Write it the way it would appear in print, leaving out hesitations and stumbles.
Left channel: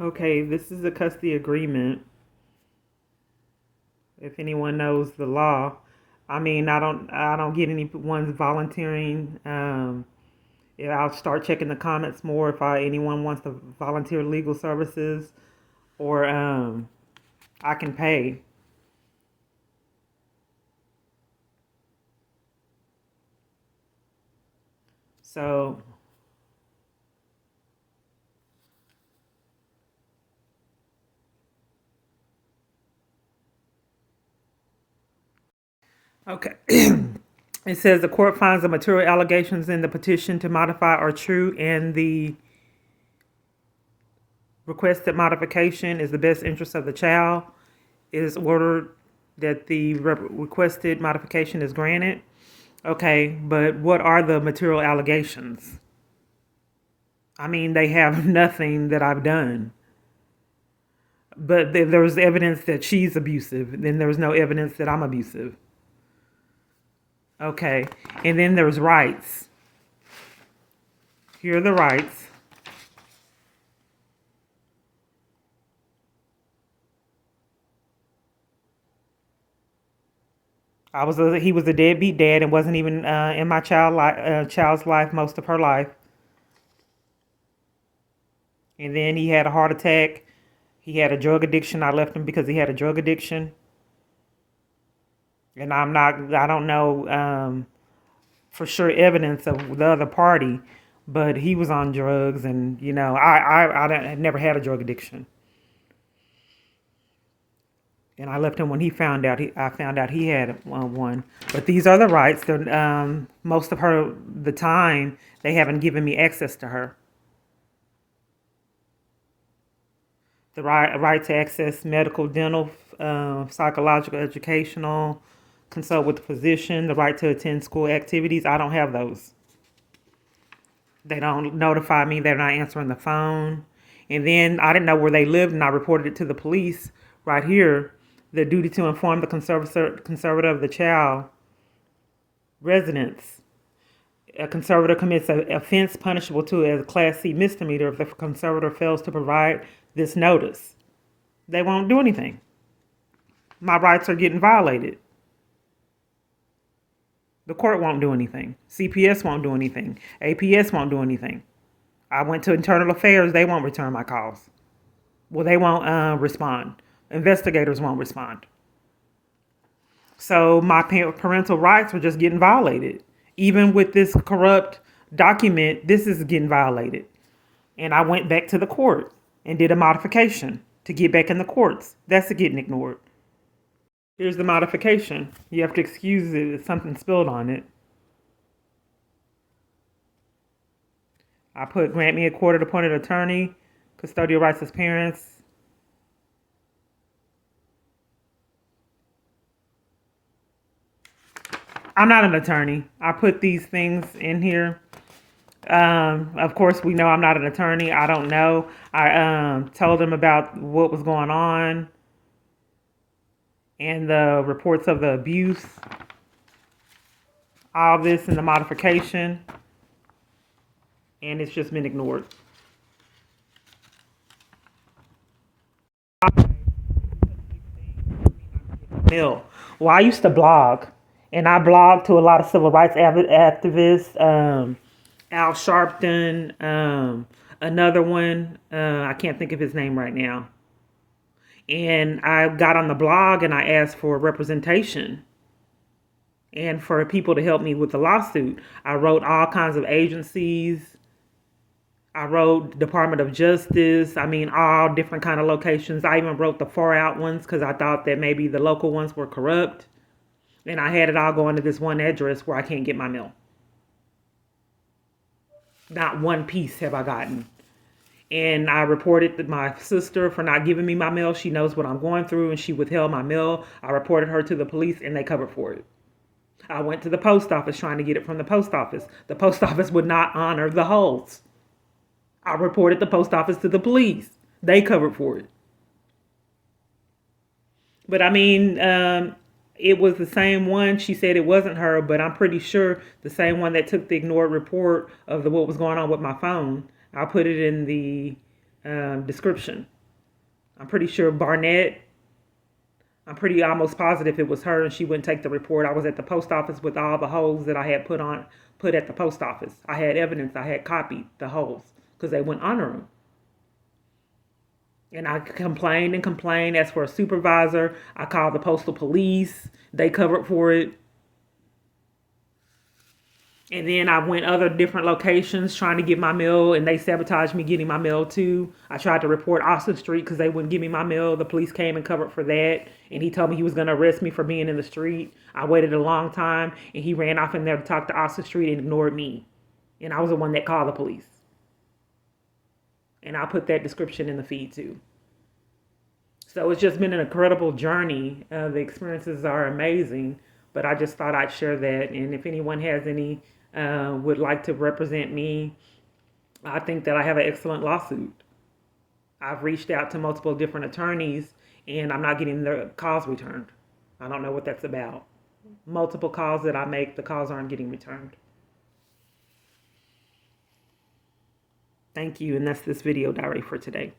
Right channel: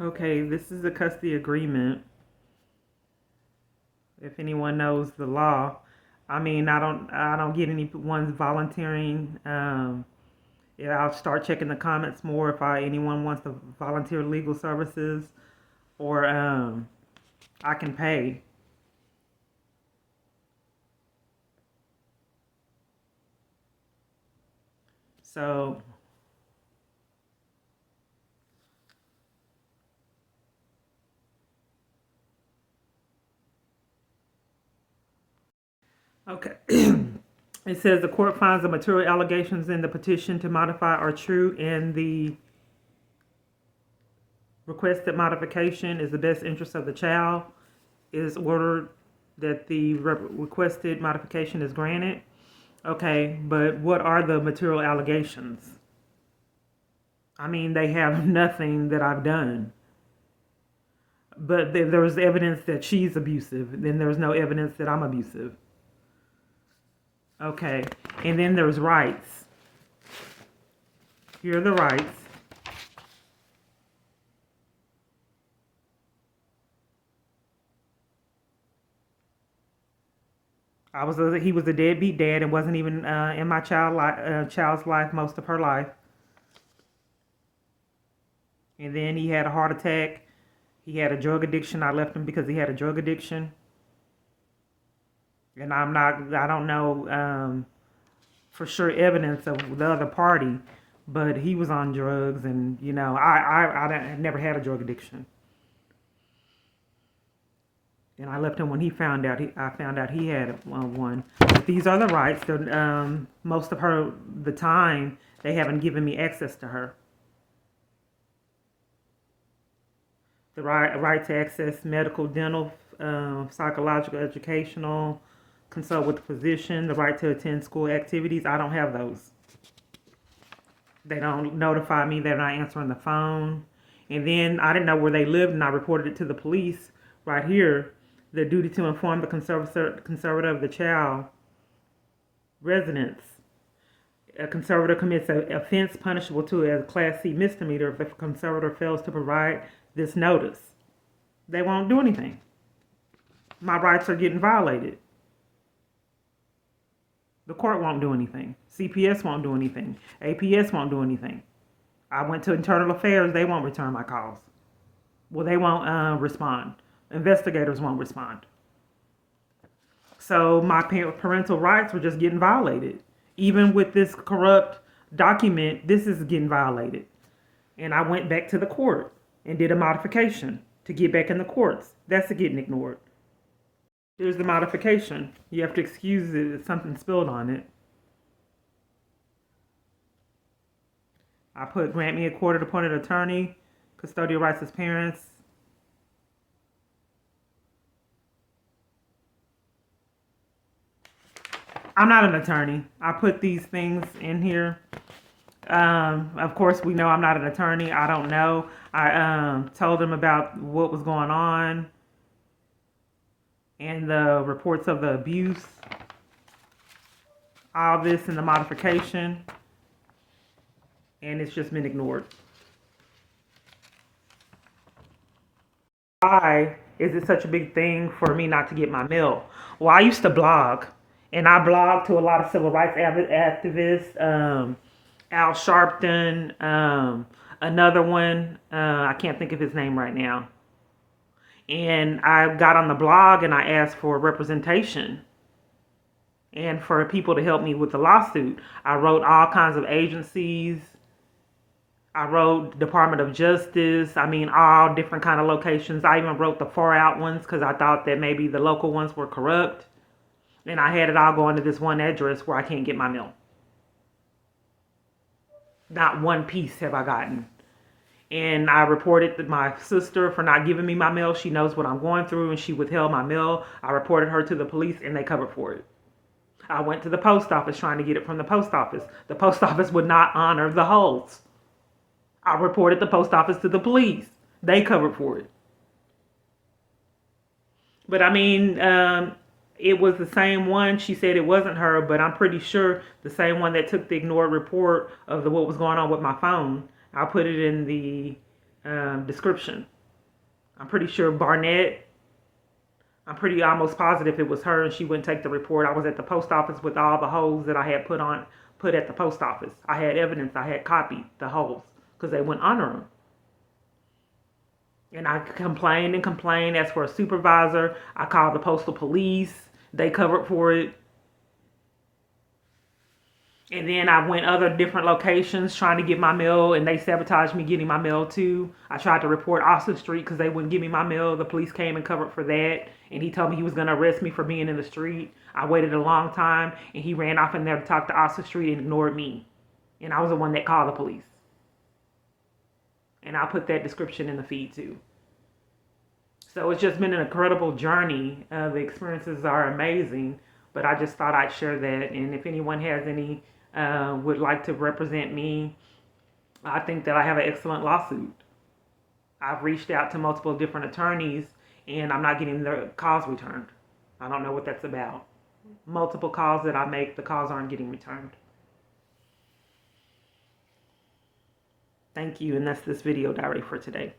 Okay, this is a custody agreement. If anyone knows the law, I don't get anyone's volunteering. Yeah, I'll start checking the comments more if anyone wants to volunteer legal services, or I can pay. So okay. It says the court finds the material allegations in the petition to modify are true, and the requested modification is the best interest of the child. It is ordered that the requested modification is granted. Okay, but what are the material allegations? I mean, they have nothing that I've done. But there's evidence that she's abusive. Then there's no evidence that I'm abusive. Okay, and then there's rights. Here are the rights. He was a deadbeat dad and wasn't even in my child's life most of her life. And then he had a heart attack. He had a drug addiction. I left him because he had a drug addiction. And I don't know for sure evidence of the other party, but he was on drugs, and I never had a drug addiction. And I left him when I found out he had one. But these are the rights. Most of the time, they haven't given me access to her. The right to access medical, dental, psychological, educational, consult with the physician, the right to attend school activities. I don't have those. They don't notify me. They're not answering the phone. And then I didn't know where they lived, and I reported it to the police right here. The duty to inform the conservator of the child residence. A conservator commits an offense punishable to as a Class C misdemeanor if the conservator fails to provide this notice. They won't do anything. My rights are getting violated. The court won't do anything. CPS won't do anything. APS won't do anything. I went to internal affairs. They won't return my calls. Well, they won't respond. Investigators won't respond. So my parental rights were just getting violated. Even with this corrupt document, this is getting violated. And I went back to the court and did a modification to get back in the courts. That's getting ignored. Here's the modification. You have to excuse it if something spilled on it. I put grant me a court appointed attorney, custodial rights as parents. I'm not an attorney. I put these things in here. Of course, we know I'm not an attorney. I don't know. I told them about what was going on and the reports of the abuse. All this in the modification, and it's just been ignored. Why is it such a big thing for me not to get my mail? Well, I used to blog, and I blogged to a lot of civil rights activists. Al Sharpton, another one. I can't think of his name right now. And I got on the blog and I asked for representation and for people to help me with the lawsuit. I wrote all kinds of agencies. I wrote Department of Justice. I mean, all different kind of locations. I even wrote the far out ones because I thought that maybe the local ones were corrupt. And I had it all going to this one address where I can't get my mail. Not one piece have I gotten. And I reported to my sister for not giving me my mail. She knows what I'm going through, and she withheld my mail. I reported her to the police, and they covered for it. I went to the post office trying to get it from the post office. The post office would not honor the holds. I reported the post office to the police. They covered for it. But I mean, it was the same one. She said it wasn't her, but I'm pretty sure the same one that took the ignored report of what was going on with my phone. I put it in the description. I'm pretty sure Barnett, I'm pretty almost positive it was her, and she wouldn't take the report. I was at the post office with all the holes that I had put at the post office. I had evidence. I had copied the holes because they wouldn't honor them. And I complained and complained. As for a supervisor, I called the postal police. They covered for it. And then I went other different locations trying to get my mail, and they sabotaged me getting my mail too. I tried to report Austin Street because they wouldn't give me my mail. The police came and covered for that, and he told me he was going to arrest me for being in the street. I waited a long time, and he ran off in there to talk to Austin Street and ignored me. And I was the one that called the police. And I'll put that description in the feed too. So it's just been an incredible journey. The experiences are amazing, but I just thought I'd share that. And if anyone has any would like to represent me, I think that I have an excellent lawsuit. I've reached out to multiple different attorneys, and I'm not getting the calls returned. I don't know what that's about. Multiple calls that I make, the calls aren't getting returned. Thank you, and that's this video diary for today.